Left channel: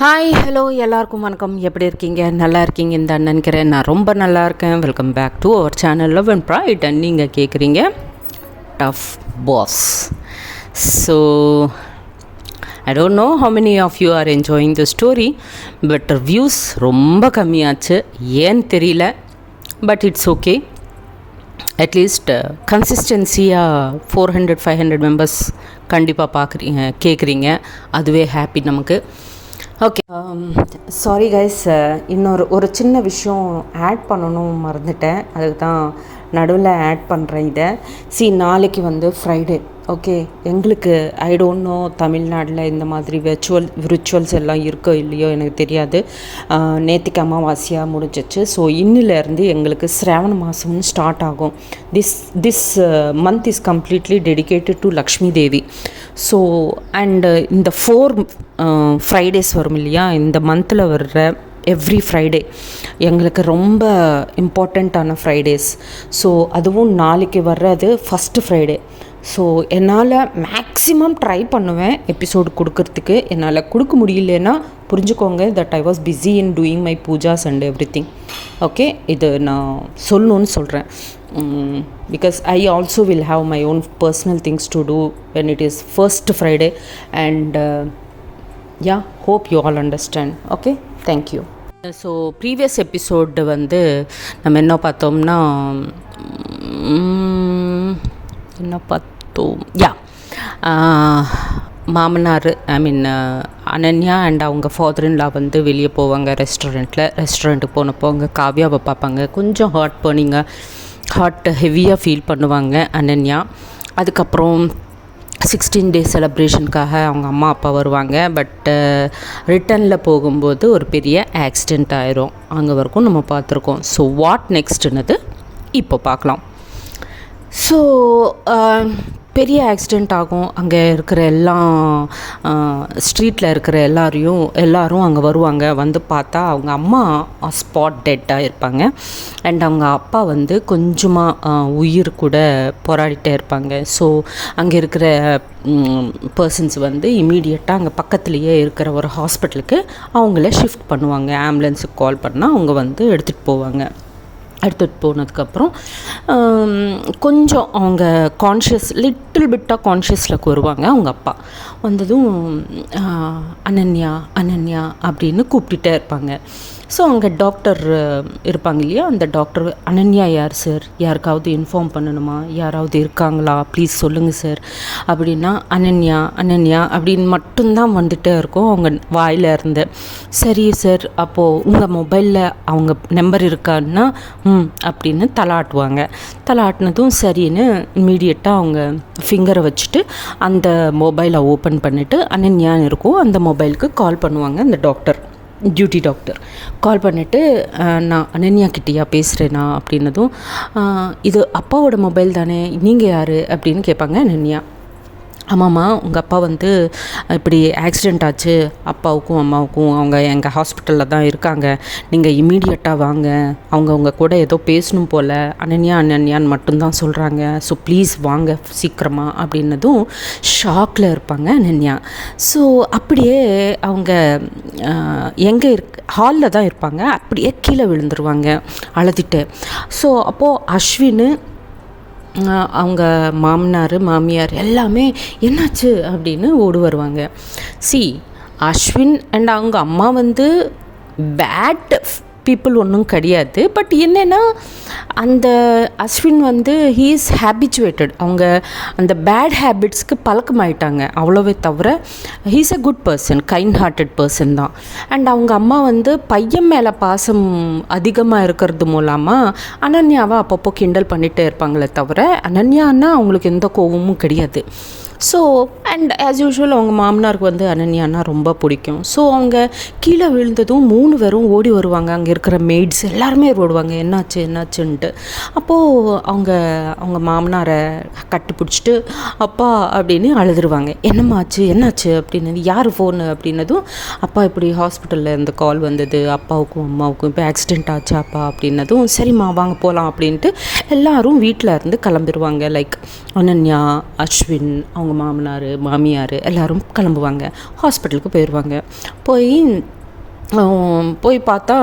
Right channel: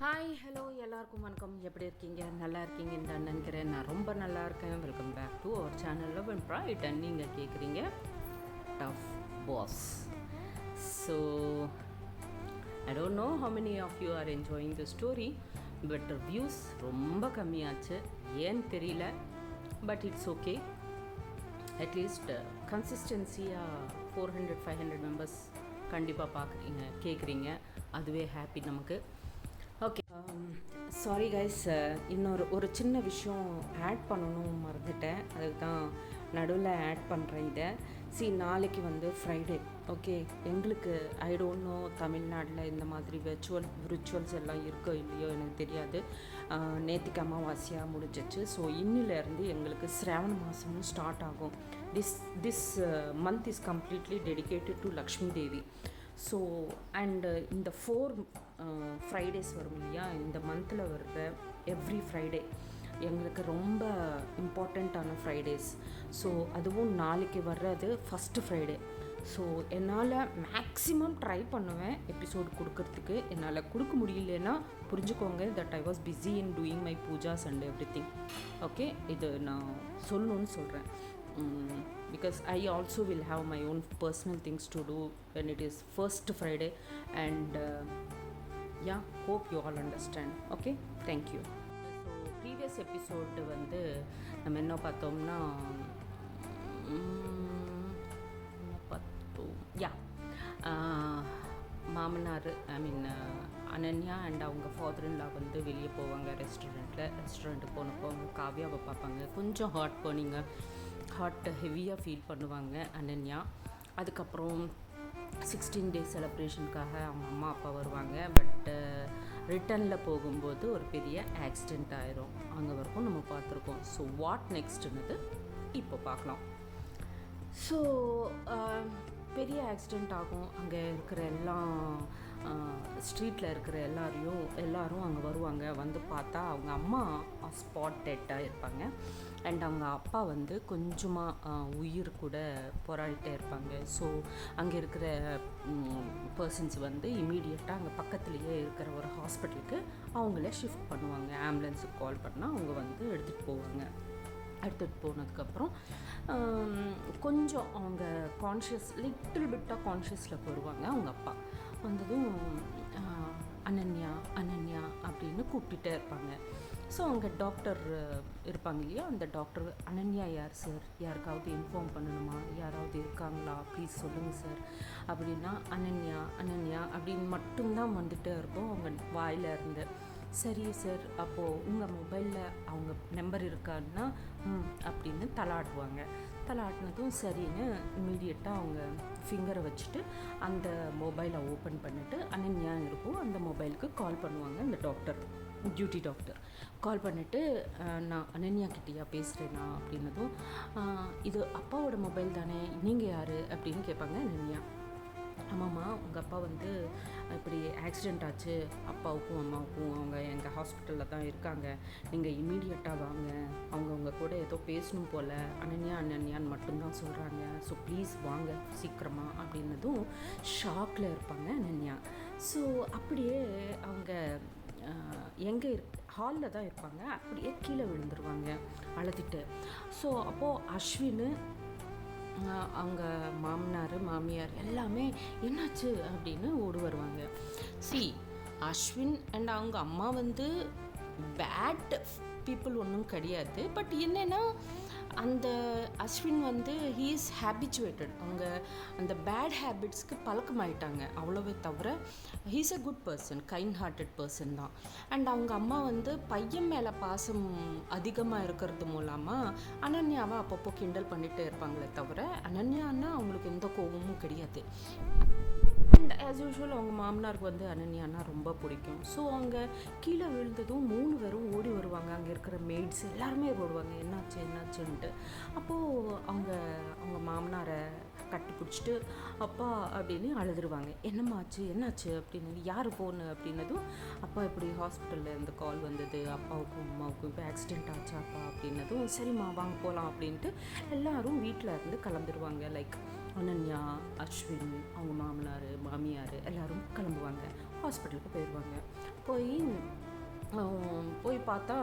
Hi hello எல்லாருக்கும் வணக்கம். எப்படி இருக்கீங்க? நல்லா இருக்கீங்கன்னு தான் நினைக்கிறேன். நான் ரொம்ப நல்லா இருக்கேன். Welcome back to our channel love and pride. And நீங்கள் கேட்குறீங்க tough boss. So I don't know how many of you are enjoying the story, but views ரொம்ப கம்மியாச்சு. ஏன்னு தெரியல, பட் இட்ஸ் ஓகே. அட்லீஸ்ட் கன்சிஸ்டன்சியாக 400-500 மெம்பர்ஸ் கண்டிப்பாக பார்க்குறீங்க, கேட்குறீங்க. அதுவே ஹாப்பி நமக்கு. ஓகே, சாரி கைஸ், ஒரு சின்ன விஷயம் ஆட் பண்ணணும் மறந்துட்டேன். அதுக்கு தான் நடுவில் ஆட் பண்ணுறேன் இதை. நாளைக்கு ஃப்ரைடே. ஓகே, எங்களுக்கு ஐ டோன்ட் நோ தமிழ்நாட்டில் இந்த மாதிரி ரிச்சுவல்ஸ் எல்லாம் இருக்கோ இல்லையோ எனக்கு தெரியாது. நேத்திக்கு அமாவாசையாக முடிஞ்சிச்சு. ஸோ இன்னிலேருந்து எங்களுக்கு சிராவண மாதம்னு ஸ்டார்ட் ஆகும். This month is completely dedicated to Lakshmi Devi. So and இந்த 4 ஃப்ரைடேஸ் வரும் இல்லையா, இந்த மந்தில் வர்ற எவ்ரி ஃப்ரைடே எங்களுக்கு ரொம்ப இம்பார்ட்டண்ட்டான ஃப்ரைடேஸ். ஸோ அதுவும் நாளைக்கு வர்றது ஃபஸ்ட்டு ஃப்ரைடே. ஸோ என்னால் மேக்ஸிமம் ட்ரை பண்ணுவேன் எபிசோடு கொடுக்கறதுக்கு. என்னால் கொடுக்க முடியலன்னா புரிஞ்சுக்கோங்க, that I was busy in doing my Pooja's and every thing. Okay, இது நான் சொல்லணுன்னு சொல்கிறேன். Because I also will have my own personal things to do when it is first Friday, and yeah, hope you all understand. Okay, thank you. So previous episode நம்ம என்ன பார்த்தோம்னா மாமனார் Ananya and அவங்க ஃபாதர்-இன்-லா வெளியே போவாங்க ரெஸ்டாரண்ட்டுக்கு போனப்போ அங்கே காவ்யாவை பார்ப்பாங்க. கொஞ்சம் ஹார்ட் ஹெவியாக ஃபீல் பண்ணுவாங்க அனன்யா. அதுக்கப்புறம் 16 டே செலப்ரேஷனுக்காக அவங்க அம்மா அப்பா வருவாங்க. பட் ரிட்டனில் போகும்போது ஒரு பெரிய ஆக்சிடெண்ட் ஆயிரும். அங்கே வரைக்கும் நம்ம பார்த்துருக்கோம். ஸோ வாட் நெக்ஸ்ட்டுன்னது இப்போ பார்க்கலாம். ஸோ பெரிய ஆக்சிடெண்ட் ஆகும். அங்கே இருக்கிற ஸ்ட்ரீட்டில் இருக்கிற எல்லாரும் அங்கே வருவாங்க. பார்த்தா அவங்க அம்மா ஸ்பாட் டெட்டாக இருப்பாங்க. அண்ட் அவங்க அப்பா கொஞ்சமாக உயிர் கூட போராடிட்டே இருப்பாங்க. ஸோ அங்கே இருக்கிற பர்சன்ஸ் இமீடியட்டாக அங்கே பக்கத்துலேயே இருக்கிற ஒரு ஹாஸ்பிட்டலுக்கு அவங்கள ஷிஃப்ட் பண்ணுவாங்க. ஆம்புலன்ஸுக்கு கால் பண்ணால் அவங்க எடுத்துகிட்டு போவாங்க. எடுத்துகிட்டு போனதுக்கப்புறம் கொஞ்சம் அவங்க லிட்டில் பிட்டாக கான்ஷியஸில் வருவாங்க. அவங்க அப்பா வந்ததும் அனன்யா அப்படின்னு கூப்பிட்டுட்டே இருப்பாங்க. ஸோ அங்கே டாக்டர் இருப்பாங்க இல்லையா, அந்த டாக்டர் அனன்யா யார் சார், யாருக்காவது இன்ஃபார்ம் பண்ணணுமா, யாராவது இருக்காங்களா, ப்ளீஸ் சொல்லுங்கள் சார் அப்படின்னா அனன்யா அப்படின்னு மட்டும்தான் வந்துகிட்டே இருக்கும் அவங்க வாயில் இருந்து. சரி சார், அப்போது உங்கள் மொபைலில் அவங்க நம்பர் இருக்கான்னா அப்படின்னு தலாட்டினதும் சரின்னு இம்மீடியட்டாக அவங்க ஃபிங்கரை வச்சுட்டு அந்த மொபைலை ஓப்பன் பண்ணிவிட்டு அனன்யான்னு இருக்கும் அந்த மொபைலுக்கு கால் பண்ணுவாங்க. அந்த டியூட்டி டாக்டர் கால் பண்ணிவிட்டு, நான் அனன்யா கிட்டேயா பேசுகிறேனா அப்படின்னதும், இது அப்பாவோட மொபைல் தானே, நீங்கள் யார் அப்படின்னு கேட்பாங்க அனன்யா. ஆமாம்மா, உங்கள் அப்பா இப்படி ஆக்சிடெண்ட் ஆச்சு, அப்பாவுக்கும் அம்மாவுக்கும், அவங்க எங்கள் ஹாஸ்பிட்டலில் தான் இருக்காங்க, நீங்கள் இம்மீடியட்டாக வாங்க, அவங்க கூட ஏதோ பேசணும் போல், அனன்யான்னு மட்டும்தான் சொல்கிறாங்க, ஸோ ப்ளீஸ் வாங்க சீக்கிரமாக அப்படின்னதும் ஷாக்கில் இருப்பாங்க அனன்யா. ஸோ அப்படியே அவங்க எங்கே ஹாலில் தான் இருப்பாங்க, அப்படியே கீழே விழுந்துருவாங்க அழுதுட்டு. ஸோ அப்போது அஸ்வின், அவங்க மாமியார் எல்லாமே என்னாச்சு அப்படின்னு ஓடி வருவாங்க. அஸ்வின் அண்ட் அவங்க அம்மா பேட் பீப்புள் ஒன்றும் கிடையாது. பட் என்னென்னா அந்த அஸ்வின் ஹீ இஸ் ஹேபிச்சுவேட்டட். அவங்க அந்த பேட் ஹேபிட்ஸ்க்கு பழக்கமாயிட்டாங்க, அவ்வளோவே தவிர he is a good person, kind hearted person தான். அண்ட் அவங்க அம்மா பையன் மேலே பாசம் அதிகமாக இருக்கிறது மூலமாக அனன்யாவை அப்பப்போ கிண்டல் பண்ணிகிட்டே இருப்பாங்களே தவிர அனன்யான்னா அவங்களுக்கு எந்த கோபமும் கிடையாது. ஸோ அண்ட் ஆஸ் யூஷுவல் அவங்க மாமனாருக்கு அனன்யானா ரொம்ப பிடிக்கும். ஸோ அவங்க கீழே விழுந்ததும் 3 பேரும் ஓடி வருவாங்க. அங்கே இருக்கிற மெய்ட்ஸ் எல்லாருமே ஓடுவாங்க, என்னாச்சுன்ட்டு. அப்போது அவங்க மாமனாரை கட்டி பிடிச்சிட்டு அப்பா அப்படின்னு அழுதுருவாங்க. என்னாச்சு அப்படின்னு, யார் ஃபோனு அப்படின்னதும், அப்பா இப்படி ஹாஸ்பிட்டலில் இருந்து கால் வந்தது, அப்பாவுக்கும் அம்மாவுக்கும் இப்போ ஆக்சிடெண்ட் ஆச்சு அப்பா அப்படின்னதும், சரிம்மா வாங்க போகலாம் அப்படின்ட்டு எல்லாரும் வீட்டில் இருந்து கிளம்பிடுவாங்க. லைக் அனன்யா, அஸ்வின், அவங்க அவங்க மாமனார் மாமியார் எல்லோரும் கிளம்புவாங்க, ஹாஸ்பிட்டலுக்கு போயிடுவாங்க. போய் பார்த்தா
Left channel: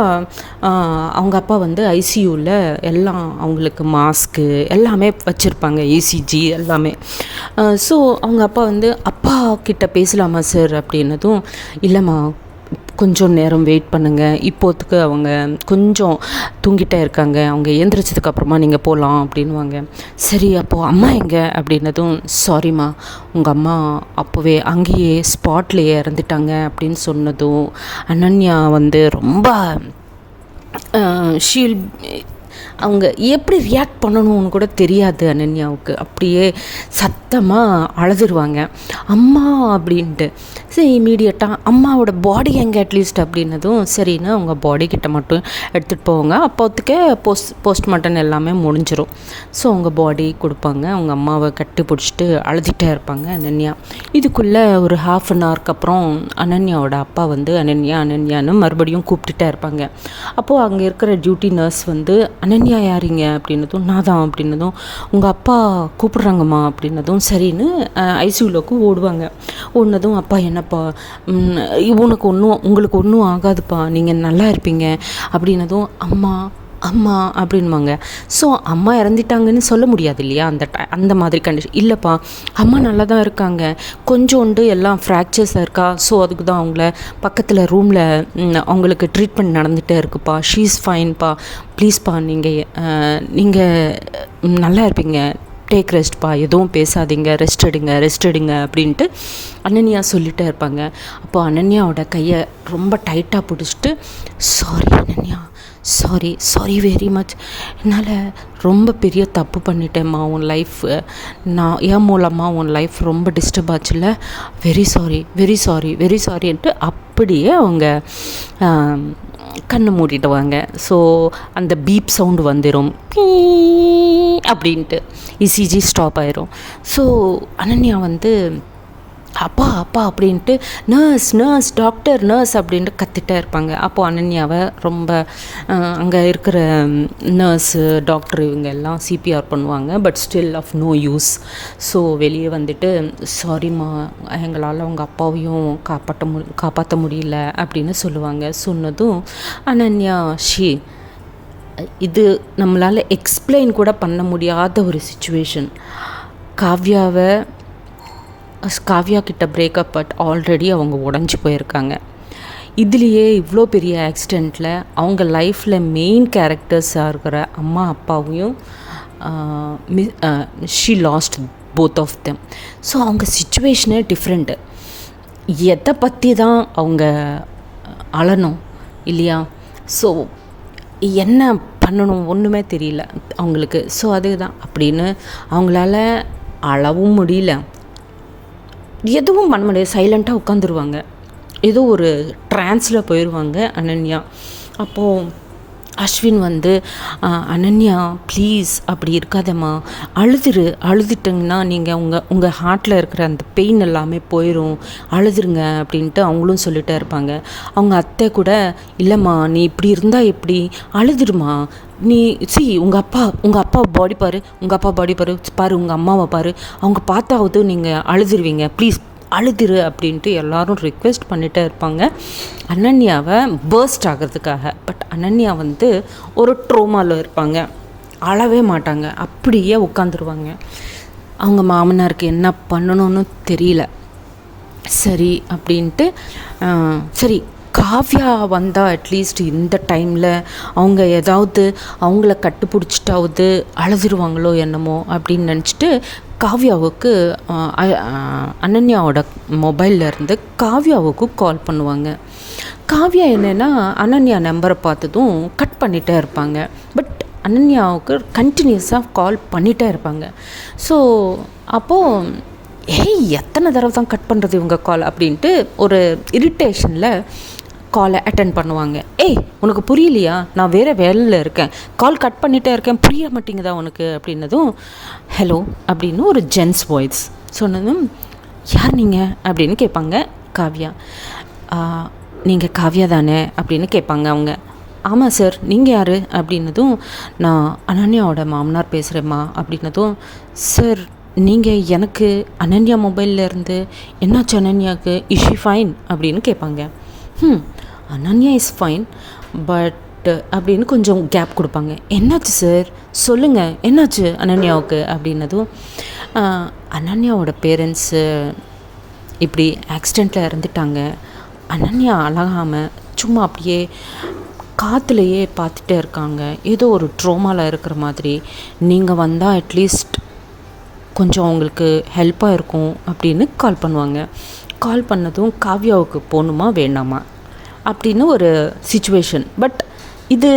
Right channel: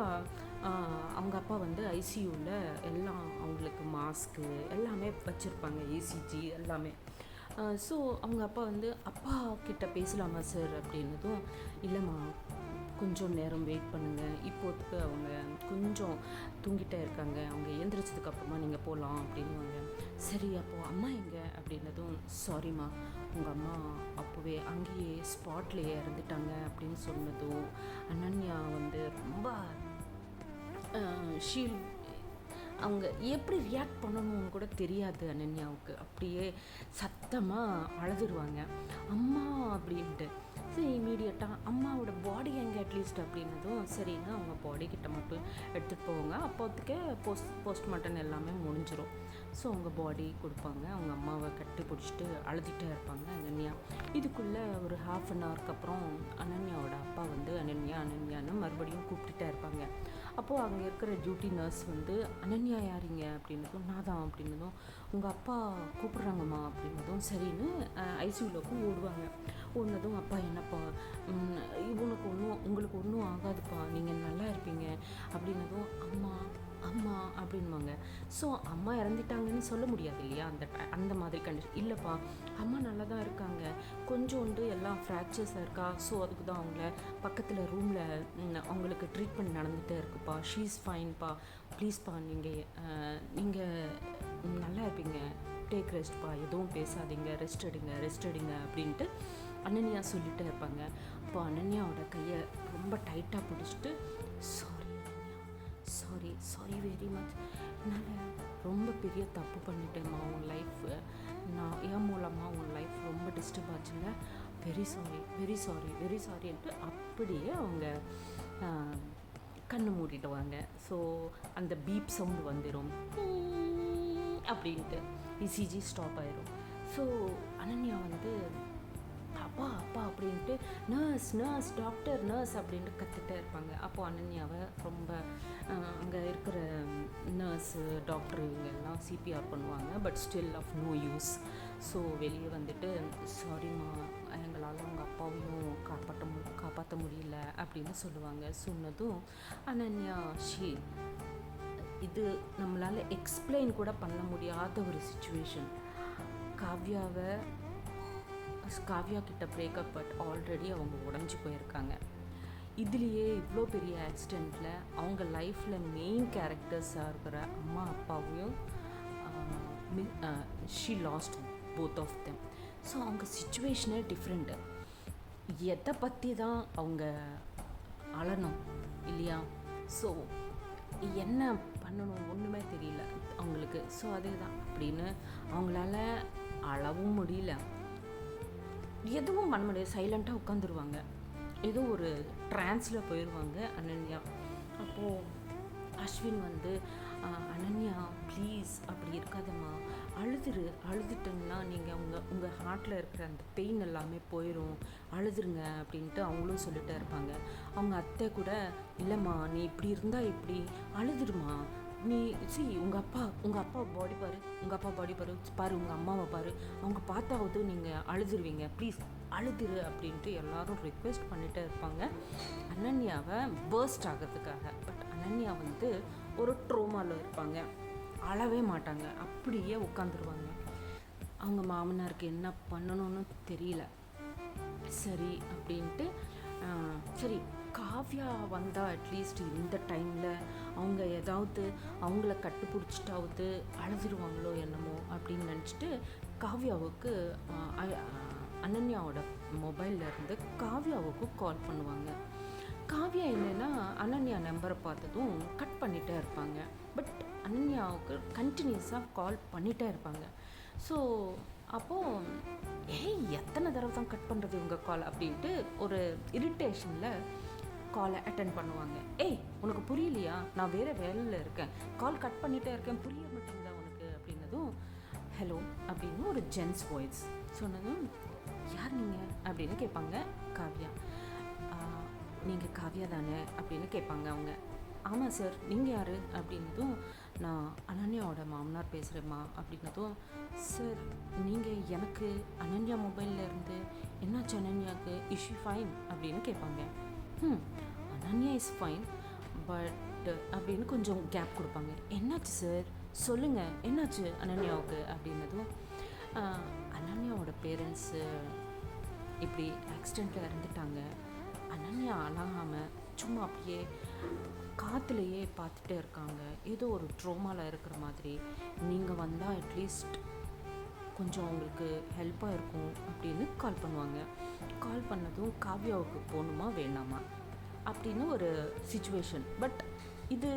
அவங்க அப்பா வந்து ஐசியூவில் எல்லாம் அவங்களுக்கு மாஸ்க்கு எல்லாமே வச்சுருப்பாங்க, இசிஜி எல்லாமே. ஸோ அவங்க அப்பா வந்து அப்பா கிட்ட பேசலாமா சார் அப்படின்னதும், இல்லைம்மா கொஞ்சம் நேரம் வெயிட் பண்ணுங்கள், இப்போத்துக்கு அவங்க கொஞ்சம் தூங்கிட்டே இருக்காங்க, அவங்க எழுந்திரிச்சதுக்கப்புறமா நீங்கள் போகலாம் அப்படின்வாங்க. சரி அப்போது அம்மா எங்கே அப்படின்னதும், சாரிம்மா உங்கள் அம்மா அப்போவே அங்கேயே ஸ்பாட்லேயே இறந்துட்டாங்க அப்படின்னு சொன்னதும் அனன்யா வந்து ரொம்ப ஷீல் அவங்க எப்படி ரியாக்ட் பண்ணணும்னு கூட தெரியாது அனன்யாவுக்கு. அப்படியே சத்தமாக அழுதுருவாங்க, அம்மா அப்படின்ட்டு. சரி இமீடியட்டாக அம்மாவோட பாடி எங்கே அட்லீஸ்ட் அப்படின்னதும் சரின்னு அவங்க பாடி கிட்ட மட்டும் எடுத்துகிட்டு போவாங்க. அப்போத்துக்கே போஸ்ட்மார்ட்டம் எல்லாமே முடிஞ்சிடும். ஸோ அவங்க பாடி கொடுப்பாங்க, அவங்க அம்மாவை கட்டி பிடிச்சிட்டு அழுதுகிட்டே இருப்பாங்க அனன்யா. இதுக்குள்ளே ஒரு 1/2 hour அப்புறம் அனன்யாவோட அப்பா வந்து அனன்யான்னு மறுபடியும் கூப்பிட்டுட்டே இருப்பாங்க. அப்போது அங்கே இருக்கிற டியூட்டி நர்ஸ் வந்து, அனன்யா யாரிங்க அப்படின்னதும், நான் தான் அப்படின்னதும், உங்கள் அப்பா கூப்பிட்றாங்கம்மா அப்படின்னதும் சரின்னு ஐசியூலோக்கு ஓடுவாங்க. ஓடினதும், அப்பா என்னப்பா உங்களுக்கு ஒன்றும் ஆகாதுப்பா, நீங்கள் நல்லா இருப்பீங்க அப்படின்னதும், அம்மா அப்படின்வாங்க. ஸோ அம்மா இறந்துட்டாங்கன்னு சொல்ல முடியாது இல்லையா அந்த மாதிரி கண்டிஷன். இல்லைப்பா அம்மா நல்லா தான் இருக்காங்க, கொஞ்சோண்டு எல்லாம் ஃப்ராக்சர்ஸாக இருக்கா, ஸோ அதுக்கு தான் அவங்கள பக்கத்தில் ரூமில் அவங்களுக்கு ட்ரீட்மெண்ட் நடந்துகிட்டே இருக்குப்பா, ஷீஸ் ஃபைன்ப்பா, ப்ளீஸ்ப்பா நீங்கள் நல்லா இருப்பீங்க, டேக் ரெஸ்ட்ப்பா, எதுவும் பேசாதீங்க, ரெஸ்ட் எடுங்க அப்படின்ட்டு அனன்யா சொல்லிகிட்டே இருப்பாங்க. அப்போது அனன்யாவோட கையை ரொம்ப டைட்டாக பிடிச்சிட்டு, sorry Ananya, sorry very much, என்னால் ரொம்ப பெரிய தப்பு பண்ணிட்டேம்மா, உன் லைஃப் நான் என் மூலமாக உன் லைஃப் ரொம்ப டிஸ்டர்ப் ஆச்சுல்ல, வெரி சாரின்ட்டு அப்படியே அவங்க கண்ணு மூடிடுவாங்க. ஸோ அந்த பீப் சவுண்டு வந்துடும் அப்படின்ட்டு, இசிஜி ஸ்டாப் ஆயிரும். ஸோ அனன்யா வந்து அப்பா அப்படின்ட்டு நர்ஸ் டாக்டர் நர்ஸ் அப்படின்ட்டு கத்திட்டே இருப்பாங்க. அப்போது அனன்யாவை ரொம்ப அங்கே இருக்கிற நர்ஸு டாக்டர் இவங்க எல்லாம் சிபிஆர் பண்ணுவாங்க. But still of no use. So வெளியே வந்துட்டு, சாரிம்மா எங்களால் உங்கள் அப்பாவையும் காப்பாற்ற முடியல அப்படின்னு சொல்லுவாங்க. சொன்னதும் அனன்யா இது நம்மளால் எக்ஸ்பிளைன் கூட பண்ண முடியாத ஒரு சிச்சுவேஷன். காவ்யா கிட்ட பிரேக்கப், பட் ஆல்ரெடி அவங்க உடஞ்சி போயிருக்காங்க. இதுலேயே இவ்வளோ பெரிய ஆக்சிடெண்ட்டில் அவங்க லைஃப்பில் மெயின் கேரக்டர்ஸாக இருக்கிற அம்மா அப்பாவையும் she lost both of them. So அவங்க சிச்சுவேஷனே டிஃப்ரெண்ட்டு. எதை பற்றி தான் அவங்க அழணும் இல்லையா? ஸோ என்ன பண்ணணும் ஒன்றுமே தெரியல அவங்களுக்கு. ஸோ அதுதான் அப்படின்னு அவங்களால அழவும் முடியல, எதுவும் பண்ண முடியாது, சைலண்ட்டாக உட்காந்துருவாங்க. ஏதோ ஒரு ட்ரான்ஸில் போயிடுவாங்க அனன்யா. அப்போது அஸ்வின் வந்து, அனன்யா ப்ளீஸ் அப்படி இருக்காதம்மா, அழுதுட்டிங்கன்னா நீங்கள் உங்கள் ஹார்ட்டில் இருக்கிற அந்த பெயின் எல்லாமே போயிடும், அழுதுருங்க அப்படின்ட்டு அவங்களும் சொல்லிகிட்டே இருப்பாங்க. அவங்க அத்தை கூட, இல்லைம்மா நீ இப்படி இருந்தால் எப்படி, அழுதுடுமா நீ, உங்கள் அப்பா பாடி பாரு, உங்கள் அம்மாவை பாரு, அவங்க பார்த்தாவது நீங்கள் அழுதுருவீங்க, ப்ளீஸ் அழுதுரு அப்படின்ட்டு எல்லாரும் ரிக்வெஸ்ட் பண்ணிகிட்டே இருப்பாங்க அனன்யாவை பர்ஸ்ட் ஆகிறதுக்காக. பட் அனன்யா வந்து ஒரு ட்ரோமாவில் இருப்பாங்க, அழவே மாட்டாங்க, அப்படியே உட்காந்துருவாங்க. அவங்க மாமனாருக்கு என்ன பண்ணணும்னு தெரியல. சரி அப்படின்ட்டு சரி காவ்யா வந்தால் அட்லீஸ்ட் இந்த டைமில் அவங்க ஏதாவது அவங்கள கட்டுப்பிடிச்சிட்டாவது அழுதுருவாங்களோ என்னமோ அப்படின்னு நினச்சிட்டு காவ்யாவுக்கு அனன்யாவோட மொபைல்லேருந்து காவ்யாவுக்கு கால் பண்ணுவாங்க. காவ்யா என்னென்னா அனன்யா நம்பரை பார்த்ததும் கட் பண்ணிகிட்டே இருப்பாங்க. பட் அனன்யாவுக்கு கண்டினியூஸாக கால் பண்ணிகிட்டே இருப்பாங்க. ஸோ அப்போது எத்தனை தடவை தான் கட் பண்ணுறது இவங்க கால் அப்படின்ட்டு ஒரு இரிட்டேஷனில் காலை அட்டன் பண்ணுவாங்க. உனக்கு புரியலையா, நான் வேறு வேலையில் இருக்கேன், கால் கட் பண்ணிகிட்டே இருக்கேன், புரிய மாட்டேங்குதா உனக்கு அப்படின்னதும், ஹலோ அப்படின்னு ஒரு ஜென்ஸ் வாய்ஸ் சொன்னதும், யார் நீங்கள் அப்படின்னு கேட்பாங்க காவ்யா. நீங்கள் காவ்யா தானே அப்படின்னு கேட்பாங்க அவங்க. ஆமாம் சார், நீங்கள் யார் அப்படின்னதும், நான் அனன்யாவோட மாமனார் பேசுகிறேம்மா அப்படின்னதும், சார் நீங்கள் எனக்கு அனன்யா மொபைலில் இருந்து என்னாச்சு அனன்யாவுக்கு இஷி ஃபைன் அப்படின்னு கேட்பாங்க. அனன்யா இஸ் ஃபைன் பட் அப்படின்னு கொஞ்சம் கேப் கொடுப்பாங்க. என்னாச்சு சார் சொல்லுங்கள், என்னாச்சு அனன்யாவுக்கு அப்படின்னதும், அனன்யாவோட பேரண்ட்ஸு இப்படி ஆக்சிடெண்ட்டில் இறந்துட்டாங்க. அனன்யா அழகாமல் சும்மா அப்படியே காற்றுலையே பார்த்துட்டே இருக்காங்க. ஏதோ ஒரு ட்ரோமாவில் இருக்கிற மாதிரி. நீங்கள் வந்தால் அட்லீஸ்ட் கொஞ்சம் அவங்களுக்கு ஹெல்ப்பாக இருக்கும் அப்படின்னு கால் பண்ணுவாங்க. கால் பண்ணதும் காவ்யாவுக்கு போகணுமா வேண்டாமா அப்படின்னு ஒரு சிச்சுவேஷன். பட் இது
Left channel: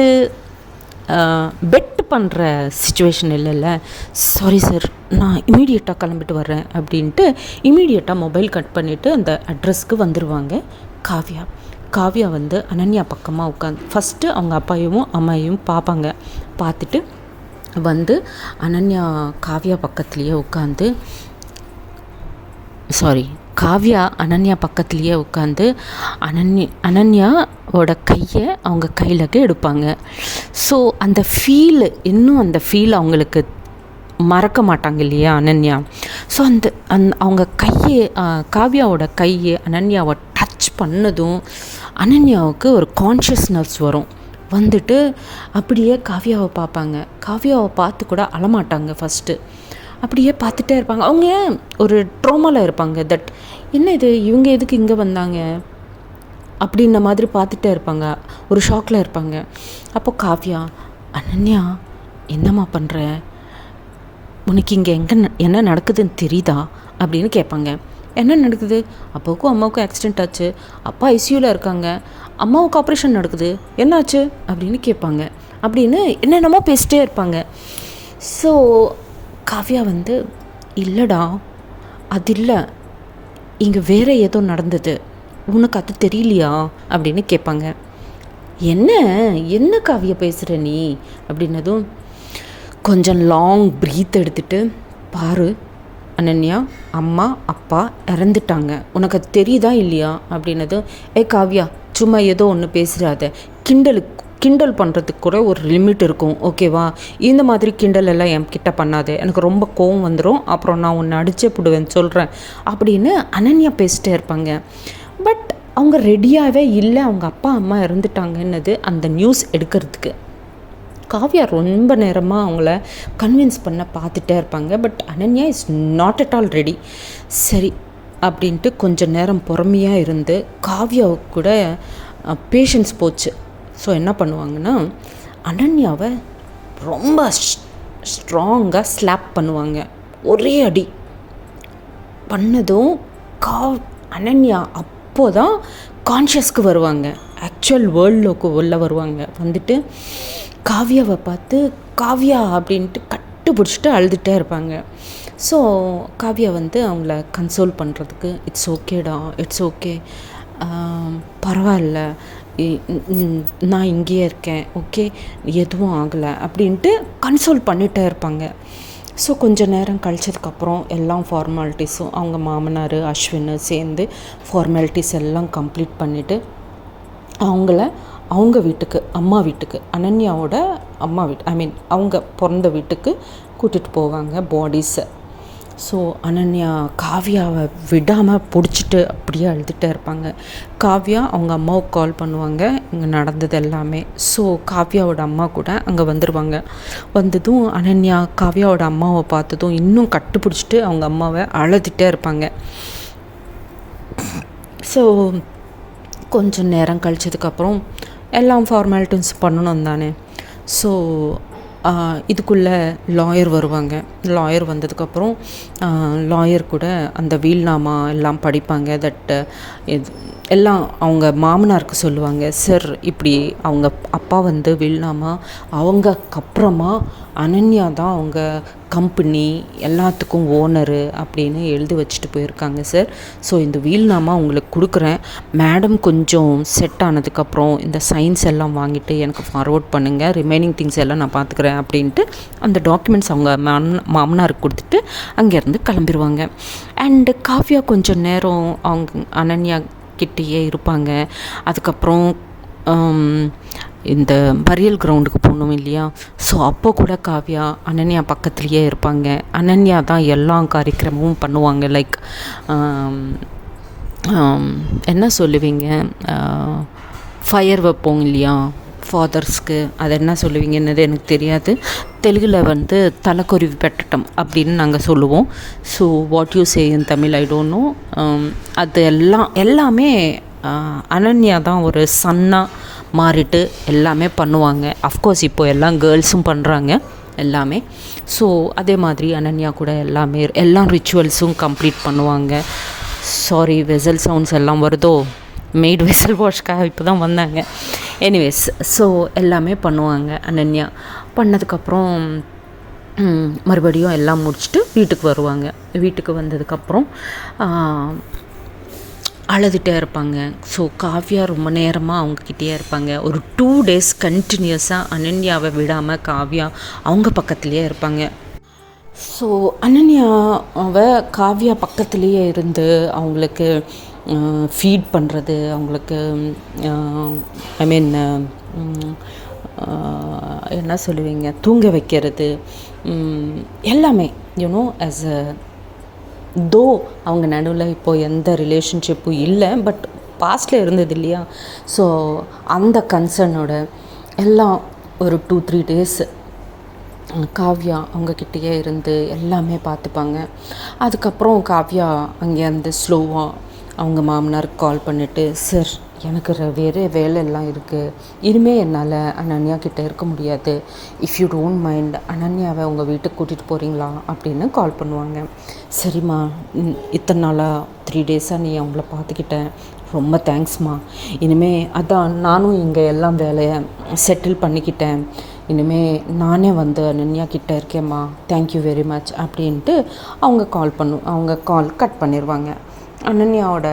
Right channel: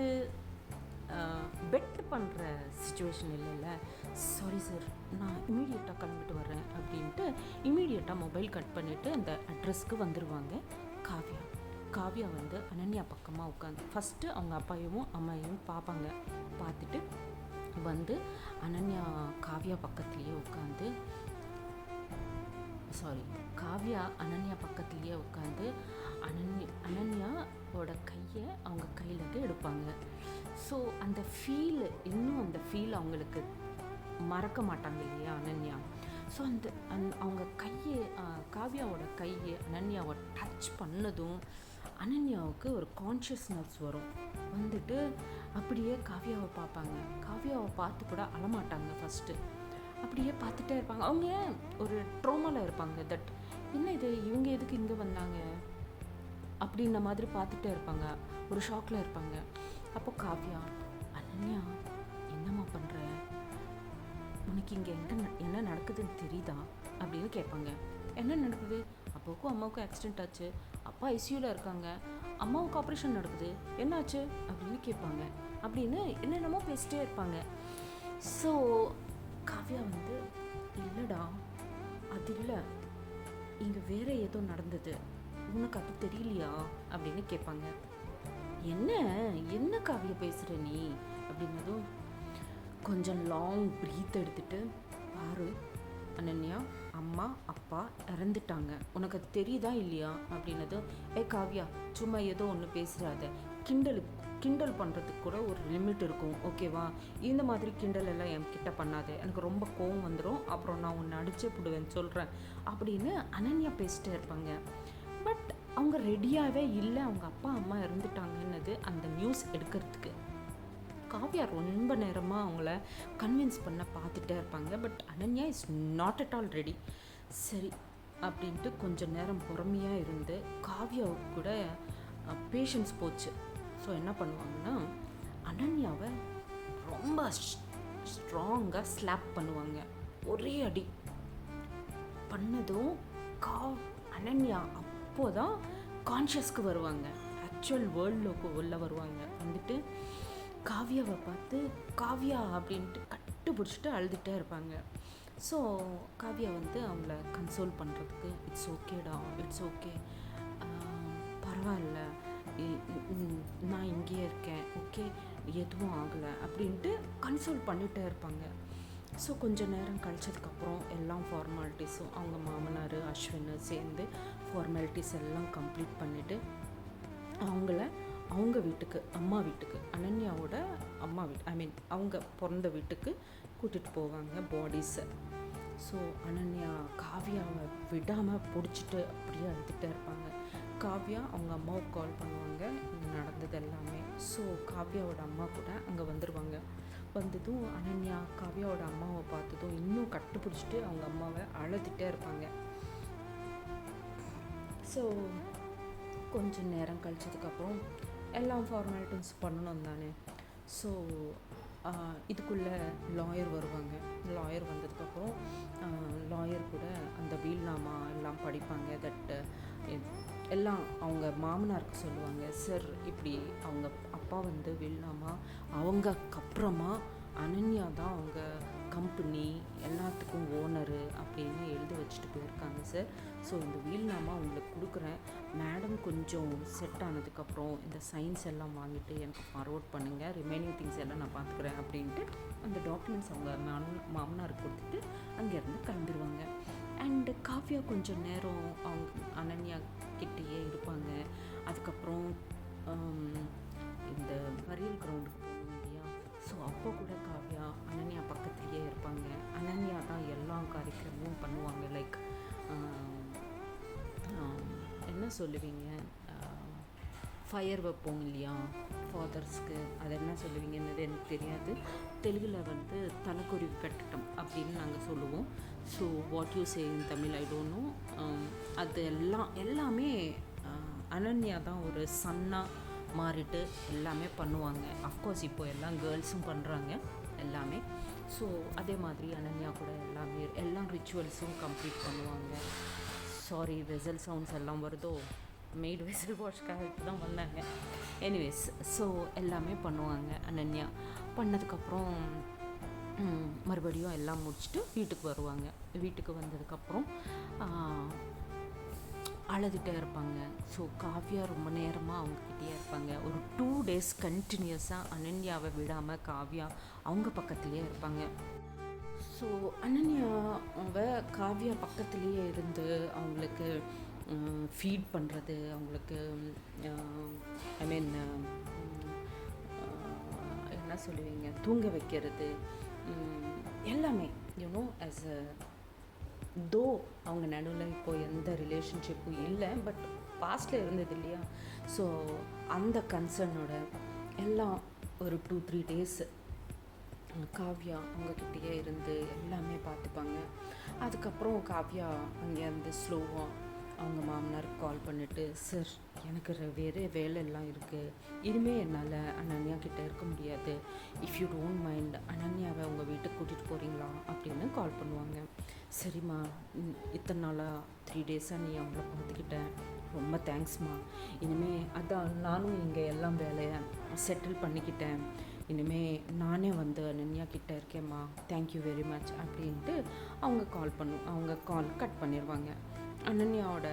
பெட் பண்ணுற சிச்சுவேஷன் இல்லைல்ல. சாரி சார், நான் இமீடியட்டாக கிளம்பிட்டு வர்றேன் அப்படின்ட்டு இமீடியட்டாக மொபைல் கட் பண்ணிவிட்டு அந்த அட்ரஸ்க்கு வந்துடுவாங்க காவ்யா. காவ்யா வந்து அனன்யா பக்கமாக உட்காந்து ஃபஸ்ட்டு அவங்க அப்பாவையும் அம்மாவையும் பார்ப்பாங்க. பார்த்துட்டு வந்து அனன்யா காவ்யா பக்கத்துலேயே உட்காந்து காவ்யா அனன்யா பக்கத்துலேயே உட்காந்து அனன்யாவோட கையை அவங்க கையிலக்கு எடுப்பாங்க. ஸோ அந்த ஃபீலு இன்னும் அந்த ஃபீல் அவங்களுக்கு மறக்க மாட்டாங்க இல்லையா அனன்யா. ஸோ அவங்க கையை காவ்யாவோட கையை அனன்யாவை டச் பண்ணதும் அனன்யாவுக்கு ஒரு கான்ஷியஸ்னஸ் வரும். வந்துட்டு அப்படியே காவ்யாவை பார்ப்பாங்க. காவ்யாவை பார்த்து கூட அழமாட்டாங்க ஃபஸ்ட்டு. அப்படியே பார்த்துட்டே இருப்பாங்க. அவங்க ஒரு ட்ரோமாவில் இருப்பாங்க. தட் என்ன இது, இவங்க எதுக்கு இங்கே வந்தாங்க அப்படின்ன மாதிரி பார்த்துட்டே இருப்பாங்க. ஒரு ஷாக்கில் இருப்பாங்க. அப்போ காவ்யா, அனன்யா என்னம்மா பண்ணுற, உனக்கு இங்கே என்ன நடக்குதுன்னு தெரியுதா அப்படின்னு கேட்பாங்க. என்ன நடக்குது, அப்பாவுக்கும் அம்மாவுக்கும் ஆக்சிடெண்ட் ஆச்சு, அப்பா ஐசியூவில் இருக்காங்க, அம்மாவுக்கு ஆப்ரேஷன் நடக்குது, என்னாச்சு அப்படின்னு கேட்பாங்க. அப்படின்னு என்னென்னமோ பேசிட்டே இருப்பாங்க. ஸோ காவ்யா வந்து, இல்லைடா அது இல்லை, இங்கே வேறு ஏதோ நடந்தது, உனக்கு அது தெரியலையா அப்படின்னு கேட்பாங்க. என்ன காவ்யா பேசுகிற நீ அப்படின்னதும் கொஞ்சம் லாங் ப்ரீத் எடுத்துகிட்டு, பாரு அனன்யா, அம்மா அப்பா இறந்துட்டாங்க, உனக்கு அது தெரியுதா இல்லையா அப்படின்னதும், காவ்யா சும்மா ஏதோ ஒன்று பேசுகிறாத, கிண்டல் பண்ணுறதுக்கு கூட ஒரு லிமிட் இருக்கும், ஓகேவா? இந்த மாதிரி கிண்டல் எல்லாம் என்கிட்ட பண்ணாதே, எனக்கு ரொம்ப கோவம் வந்துடும், அப்புறம் நான் உன்னை அடிச்சே போடுவேன்னு சொல்கிறேன் அப்படின்னு அனன்யா பேசிட்டே இருப்பாங்க. பட் அவங்க ரெடியாகவே இல்லை, அவங்க அப்பா அம்மா இறந்துட்டாங்கன்னது அந்த நியூஸ் எடுக்கிறதுக்கு. காவ்யா ரொம்ப நேரமாக அவங்கள கன்வின்ஸ் பண்ண பார்த்துட்டே இருப்பாங்க. But Ananya is not at all ready. சரி அப்படின்ட்டு கொஞ்சம் நேரம் பொறுமையாக இருந்து காவ்யாவுக்கு கூட பேஷன்ஸ் போச்சு. ஸோ என்ன பண்ணுவாங்கன்னா, அனன்யாவை ரொம்ப ஸ்ட்ராங்காக ஸ்லாப் பண்ணுவாங்க. ஒரே அடி பண்ணதும் அனன்யா அப்போ தான் கான்ஷியஸ்க்கு வருவாங்க, ஆக்சுவல் வேர்ல்டுக்கு உள்ள வருவாங்க. வந்துட்டு காவ்யாவை பார்த்து காவ்யா அப்படின்ட்டு கட்டுப்பிடிச்சிட்டு அழுதுகிட்டே இருப்பாங்க. ஸோ காவ்யா வந்து அவங்கள கன்சோல் பண்ணுறதுக்கு, இட்ஸ் ஓகேடா, இட்ஸ் ஓகே, பரவாயில்ல, நான் இங்கேயே இருக்கேன், ஓகே, எதுவும் ஆகலை அப்படின்ட்டு கன்சோல் பண்ணிகிட்டே இருப்பாங்க. ஸோ கொஞ்சம் நேரம் கழிச்சதுக்கப்புறம் எல்லாம் ஃபார்மாலிட்டிஸும் அவங்க மாமனார் அஸ்வின் சேர்ந்து ஃபார்மாலிட்டிஸ் எல்லாம் கம்ப்ளீட் பண்ணிவிட்டு அவங்க வீட்டுக்கு, அம்மா வீட்டுக்கு, அனன்யாவோட அம்மா வீட்டு, அவங்க பிறந்த வீட்டுக்கு கூட்டிகிட்டு போவாங்க பாடிஸை. ஸோ அனன்யா காவ்யாவை விடாமல் பிடிச்சிட்டு அப்படியே அழுதுகிட்டே இருப்பாங்க. காவ்யா அவங்க அம்மாவுக்கு கால் பண்ணுவாங்க, இங்கே நடந்தது எல்லாமே. ஸோ காவ்யாவோட அம்மா கூட அங்கே வந்துடுவாங்க. வந்ததும் அனன்யா காவ்யாவோட அம்மாவை பார்த்ததும் இன்னும் கட்டுப்பிடிச்சிட்டு அவங்க அம்மாவை அழுதுகிட்டே இருப்பாங்க. ஸோ கொஞ்சம் நேரம் கழிச்சதுக்கப்புறம் எல்லாம் ஃபார்மாலிட்டிஸ் பண்ணணும் தானே. ஸோ இதுக்குள்ளே லாயர் வருவாங்க. லாயர் வந்ததுக்கப்புறம் லாயர் கூட அந்த வீல்நாமா எல்லாம் படிப்பாங்க. தட் எல்லாம் அவங்க மாமனாருக்கு சொல்லுவாங்க, சார் இப்படி அவங்க அப்பா வந்து வீல்நாமா, அவங்கக்கப்புறமா அனன்யா தான் அவங்க கம்பெனி எல்லாத்துக்கும் ஓனரு அப்படின்னு எழுதி வச்சுட்டு போயிருக்காங்க சார். ஸோ இந்த வீல்நாமா உங்களுக்கு கொடுக்குறேன், மேடம் கொஞ்சம் செட் ஆனதுக்கப்புறம் இந்த சைன்ஸ் எல்லாம் வாங்கிட்டு எனக்கு ஃபார்வர்ட் பண்ணுங்கள், ரிமைனிங் திங்ஸ் எல்லாம் நான் பார்த்துக்கிறேன் அப்படின்ட்டு அந்த டாக்குமெண்ட்ஸ் அவங்க மாமனாருக்கு கொடுத்துட்டு அங்கேருந்து கிளம்பிடுவாங்க. அண்டு காவ்யா கொஞ்சம் நேரம் அவங்க அனன்யா கிட்டேயே இருப்பாங்க. அதுக்கப்புறம் இந்த பரியல் கிரவுண்டுக்கு போகணும் இல்லையா, ஸோ அப்போ கூட காவ்யா அனன்யா பக்கத்துலேயே இருப்பாங்க. அனன்யா தான் எல்லா காரியக்கிரமும் பண்ணுவாங்க. லைக் என்ன சொல்லுவீங்க, ஃபயர் வைப்போம் இல்லையா ஃபாதர்ஸ்க்கு, அது என்ன சொல்லுவீங்கன்னு எனக்கு தெரியாது. தெலுங்கில் வந்து தலைக்கொருவி பெட்டட்டம் அப்படின்னு நாங்கள் சொல்லுவோம். So what you say in Tamil I don't no. அது எல்லாமே அனன்யா தான் ஒரு சன்னாக மாறிட்டு எல்லாமே பண்ணுவாங்க. அஃப்கோர்ஸ் இப்போது எல்லாம் கேர்ள்ஸும் பண்ணுறாங்க எல்லாமே. ஸோ அதே மாதிரி அனன்யா கூட எல்லா ரிச்சுவல்ஸும் கம்ப்ளீட் பண்ணுவாங்க. சாரி, வெசல் சவுண்ட்ஸ் எல்லாம் வருதோ, மெய்டு வெசல் வாஷ்க்காக இப்போ தான் வந்தாங்க. எனிவேஸ், ஸோ எல்லாமே பண்ணுவாங்க அனன்யா. பண்ணதுக்கப்புறம் மறுபடியும் எல்லாம் முடிச்சுட்டு வீட்டுக்கு வருவாங்க. வீட்டுக்கு வந்ததுக்கப்புறம் அழுதுகிட்டே இருப்பாங்க. ஸோ காவ்யா ரொம்ப நேரமாக அவங்கக்கிட்டே இருப்பாங்க. ஒரு 2 days கண்டினியூஸாக அனன்யாவை விடாமல் காவ்யா அவங்க பக்கத்துலேயே இருப்பாங்க. ஸோ அனன்யாவை காவ்யா பக்கத்துலேயே இருந்து அவங்களுக்கு ஃபீட் பண்ணுறது, அவங்களுக்கு ஐ மீன் என்ன சொல்லுவீங்க, தூங்க வைக்கிறது, எல்லாமே யூனோ ஆஸ் அ தோ அவங்க நடுவில் இப்போது எந்த ரிலேஷன்ஷிப்பும் இல்லை, பட் பாஸ்டில் இருந்தது இல்லையா. ஸோ அந்த கன்சர்னோட எல்லாம் ஒரு 2-3 days காவ்யா அவங்கக்கிட்டேயே இருந்து எல்லாமே பார்த்துப்பாங்க. அதுக்கப்புறம் காவ்யா அங்கேருந்து ஸ்லோவாக அவங்க மாமனாருக்கு கால் பண்ணிவிட்டு, சார் எனக்கு வேறு வேலை எல்லாம் இருக்குது, இனிமேல் என்னால் அனன்யா கிட்டே இருக்க முடியாது, இஃப் யூ டோன்ட் மைண்ட் அனன்யாவை உங்கள் வீட்டுக்கு கூட்டிகிட்டு போகிறீங்களா அப்படின்னு கால் பண்ணுவாங்க. சரிம்மா, இத்தனை நாளாக 3 days நீ அவங்கள பார்த்துக்கிட்டேன், ரொம்ப தேங்க்ஸ்மா. இனிமேல் அதான் நானும் இங்கே எல்லாம் வேலையை செட்டில் பண்ணிக்கிட்டேன், இனிமேல் நானே வந்து அனன்யா கிட்டே இருக்கேம்மா, தேங்க்யூ வெரி மச் அப்படின்ட்டு அவங்க கால் கட் பண்ணிடுவாங்க. அனன்யாவோட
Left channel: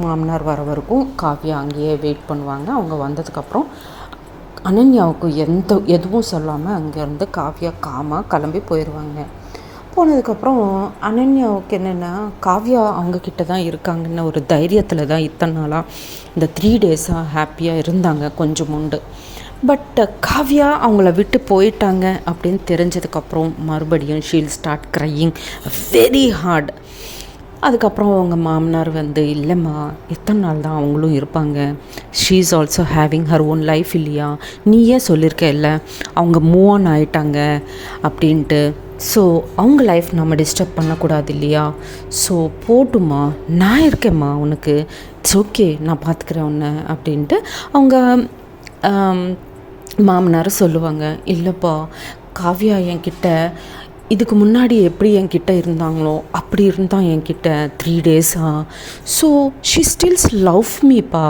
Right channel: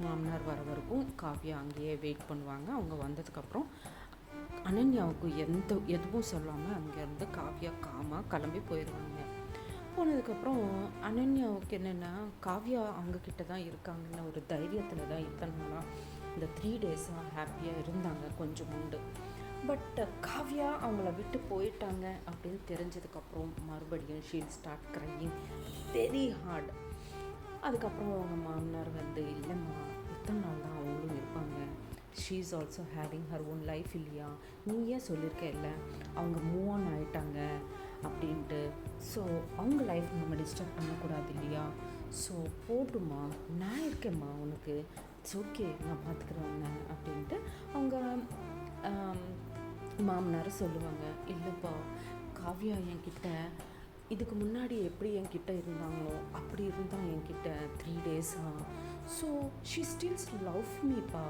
மாமனார் வர வரைக்கும் காவ்யா அங்கேயே வெயிட் பண்ணுவாங்க. அவங்க வந்ததுக்கப்புறம் அனன்யாவுக்கு எதுவும் சொல்லாமல் அங்கேருந்து காவ்யா காமாக கிளம்பி போயிடுவாங்க. போனதுக்கப்புறம் அனன்யாவுக்கு என்னென்னா, காவ்யா அவங்கக்கிட்ட தான் இருக்காங்கன்னு ஒரு தைரியத்தில் தான் இத்தனை நாளாக இந்த 3 days ஹாப்பியாக இருந்தாங்க கொஞ்சம் உண்டு. பட் காவ்யா அவங்கள விட்டு போயிட்டாங்க அப்படின்னு தெரிஞ்சதுக்கப்புறம் மறுபடியும் Sheel start crying very hard. அதுக்கப்புறம் அவங்க மாமனார் வந்து, இல்லைம்மா இத்தனை நாள் தான் அவங்களும் இருப்பாங்க, she is also having her own life இல்லையா, நீயே சொல்லியிருக்க இல்லை அவங்க மூவ் ஆன் ஆகிட்டாங்க அப்படின்ட்டு, ஸோ அவங்க லைஃப் நம்ம டிஸ்டர்ப் பண்ணக்கூடாது இல்லையா, ஸோ போட்டுமா, நான் இருக்கேம்மா உனக்கு, இட்ஸ் ஓகே, நான் பார்த்துக்கிறேன் உன்னை அப்படின்ட்டு அவங்க மாமனார் சொல்லுவாங்க. இல்லைப்பா, காவ்யா என்கிட்ட இதுக்கு முன்னாடி எப்படி என்கிட்ட இருந்தாங்களோ அப்படி இருந்தால் என்கிட்ட 3 days. So she stills love மீப்பா,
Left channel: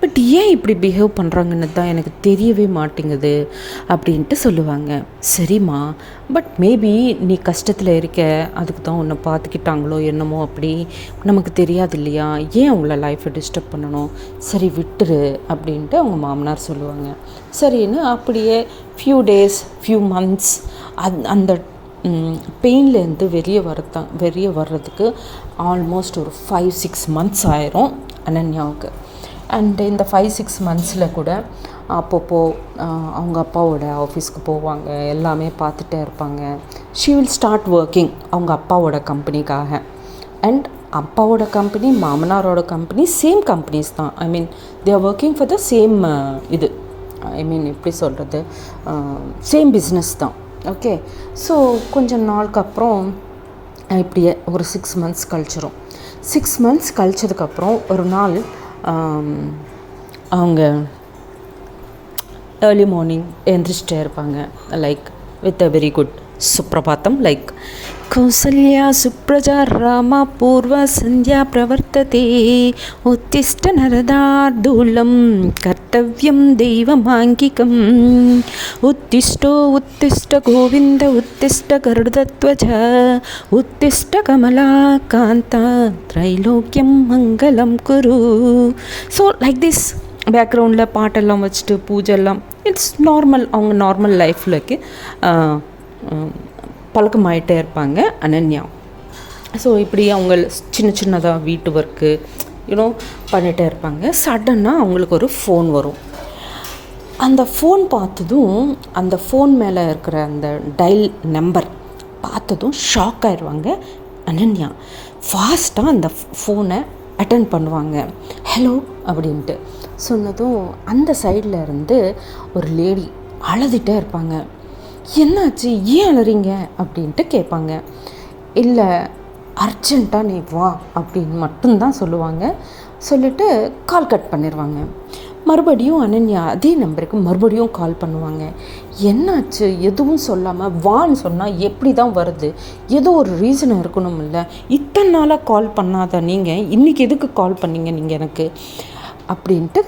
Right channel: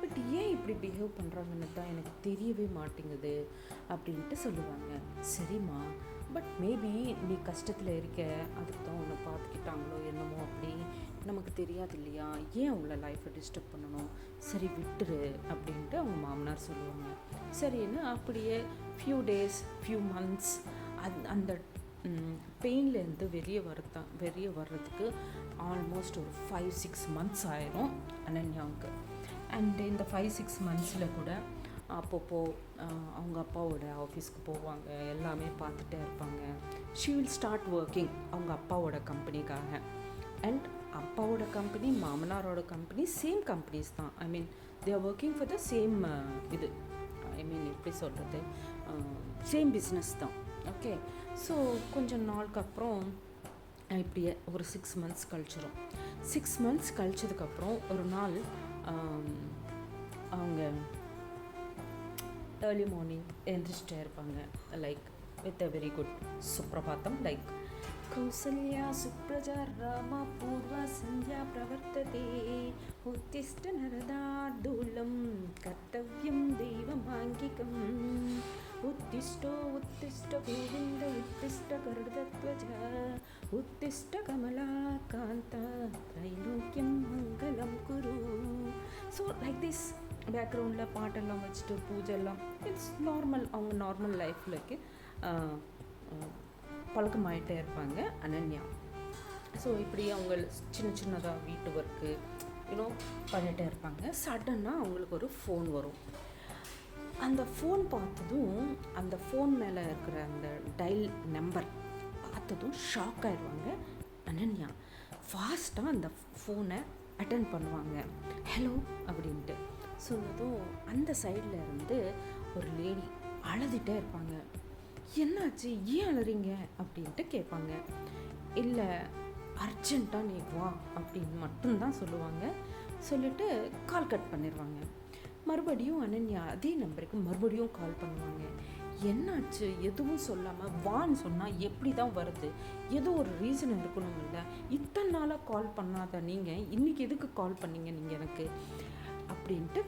பட் ஏன் இப்படி பிஹேவ் பண்ணுறாங்கன்னு தான் எனக்கு தெரியவே மாட்டேங்குது அப்படின்ட்டு சொல்லுவாங்க. சரிம்மா, பட் மேபி நீ கஷ்டத்தில் இருக்க, அதுக்கு தான் உன்னை பார்த்துக்கிட்டாங்களோ என்னமோ, அப்படி நமக்கு தெரியாது இல்லையா, ஏன் அவங்கள லைஃப்பை டிஸ்டர்ப் பண்ணணும், சரி விட்டுரு அப்படின்ட்டு அவங்க மாமனார் சொல்லுவாங்க. சரின்னு அப்படியே ஃபியூ டேஸ் ஃபியூ மந்த்ஸ் அந்த பெயின்லேருந்து வெளியே வர்றதுக்கு ஆல்மோஸ்ட் ஒரு 5-6 months ஆயிரும் அனன்யாவுக்கு. அண்டு இந்த 5-6 monthஸில் கூட அப்பப்போ அவங்க அப்பாவோட ஆஃபீஸ்க்கு போவாங்க, எல்லாமே பார்த்துட்டே இருப்பாங்க. ஷீ வில் ஸ்டார்ட் ஒர்க்கிங் அவங்க அப்பாவோட கம்பெனிக்காக. அண்ட் அப்பாவோட கம்பெனி மாமனாரோட கம்பெனி சேம் கம்பெனிஸ் தான். I mean they are working for the same இது, ஐ மீன் எப்படி சொல்கிறது, சேம் பிஸ்னஸ் தான். ஓகே. ஸோ கொஞ்சம் நாளுக்கு அப்புறம் இப்படியே ஒரு 6 months கழிச்சிரும். 6 months கழிச்சதுக்கப்புறம் ஒரு நாள் அவங்க ஏர்லி மார்னிங் எழுந்திரிச்சிட்டே இருப்பாங்க, like with a very good Suprabhatam, like Kausalya சுப்ரஜா ராமா பூர்வ சந்தியா பிரவர்த்ததே உத்திஷ்ட நரதார்தூலம் கர்த்தவ்யம் தெய்வமாங்கிகம் உத்திஷ்ட கோவிந்த உத்திஷ்ட கருடத்வஜ உத்திஷ்ட கமலா காந்தா திரைலோக்கியம் மங்களம் குரு. ஸோ லைக் திஸ் பேக்ரவுண்டில் பாட்டெல்லாம் வச்சுட்டு பூஜெல்லாம், இட்ஸ் நார்மல், அவங்க நார்மல் லைஃப்லக்கு பழக்கமாயிட்டே இருப்பாங்க அனன்யா. ஸோ இப்படி அவங்க சின்னதாக வீட்டு ஒர்க்கு பண்ணிகிட்டே இருப்பாங்க. சடனாக அவங்களுக்கு ஒரு ஃபோன் வரும். அந்த ஃபோன் பார்த்ததும், அந்த ஃபோன் மேலே இருக்கிற அந்த டயல் நம்பர் பார்த்ததும் ஷாக் ஆயிடுவாங்க அனன்யா. ஃபாஸ்ட்டாக அந்த ஃபோனை அட்டன் பண்ணுவாங்க. ஹலோ அப்படின்ட்டு சொன்னதும் அந்த சைடில் இருந்து ஒரு லேடி அழுதுகிட்டே இருப்பாங்க. என்னாச்சு, ஏன் அழுறீங்க அப்படின்ட்டு கேட்பாங்க. இல்லை, அர்ஜெண்ட்டாக நீ வா அப்படின்னு மட்டும்தான் சொல்லுவாங்க. சொல்லிவிட்டு கால் கட் பண்ணிடுவாங்க. மறுபடியும் அனன்யா அதே நம்பருக்கு மறுபடியும் கால் பண்ணுவாங்க. என்னாச்சு, எதுவும் சொல்லாமல் வான்னு சொன்னால் எப்படி தான் வருது, ஏதோ ஒரு ரீசன் இருக்கணும் இல்லை, இத்தனை நாளாக கால் பண்ணாத நீங்கள் இன்றைக்கி எதுக்கு கால் பண்ணீங்க நீங்கள் எனக்கு அப்படின்ட்டு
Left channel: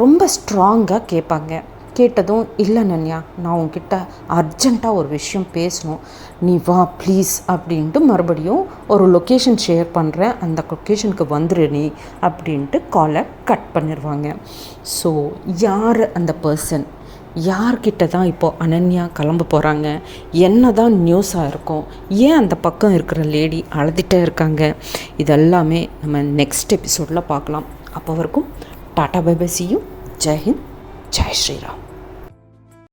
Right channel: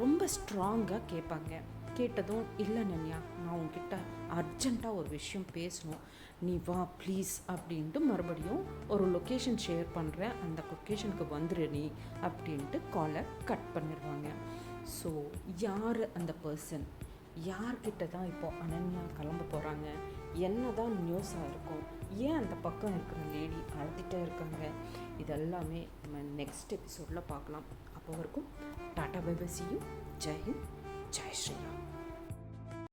ரொம்ப ஸ்ட்ராங்காக கேட்பாங்க. கேட்டதும், இல்லை அனன்யா, நான் உன்கிட்ட அர்ஜெண்ட்டாக ஒரு விஷயம் பேசணும், நீ வா ப்ளீஸ் அப்படின்ட்டு மறுபடியும் ஒரு லொக்கேஷன் ஷேர் பண்ணுறேன், அந்த லொக்கேஷனுக்கு வந்துரு நீ அப்படின்ட்டு காலை கட் பண்ணிடுவாங்க. ஸோ யார் அந்த பர்சன், யார்கிட்ட தான் இப்போது அனன்யா கிளம்ப போகிறாங்க, என்ன தான் நியூஸாக இருக்கும், ஏன் அந்த பக்கம் இருக்கிற லேடி அழுதுகிட்டே இருக்காங்க, இதெல்லாமே நம்ம நெக்ஸ்ட் எபிசோடில் பார்க்கலாம். அப்போ வரைக்கும் tata bye bye, see you. ஜெய் ஹிந்த், ஜெய் ஸ்ரீராம்.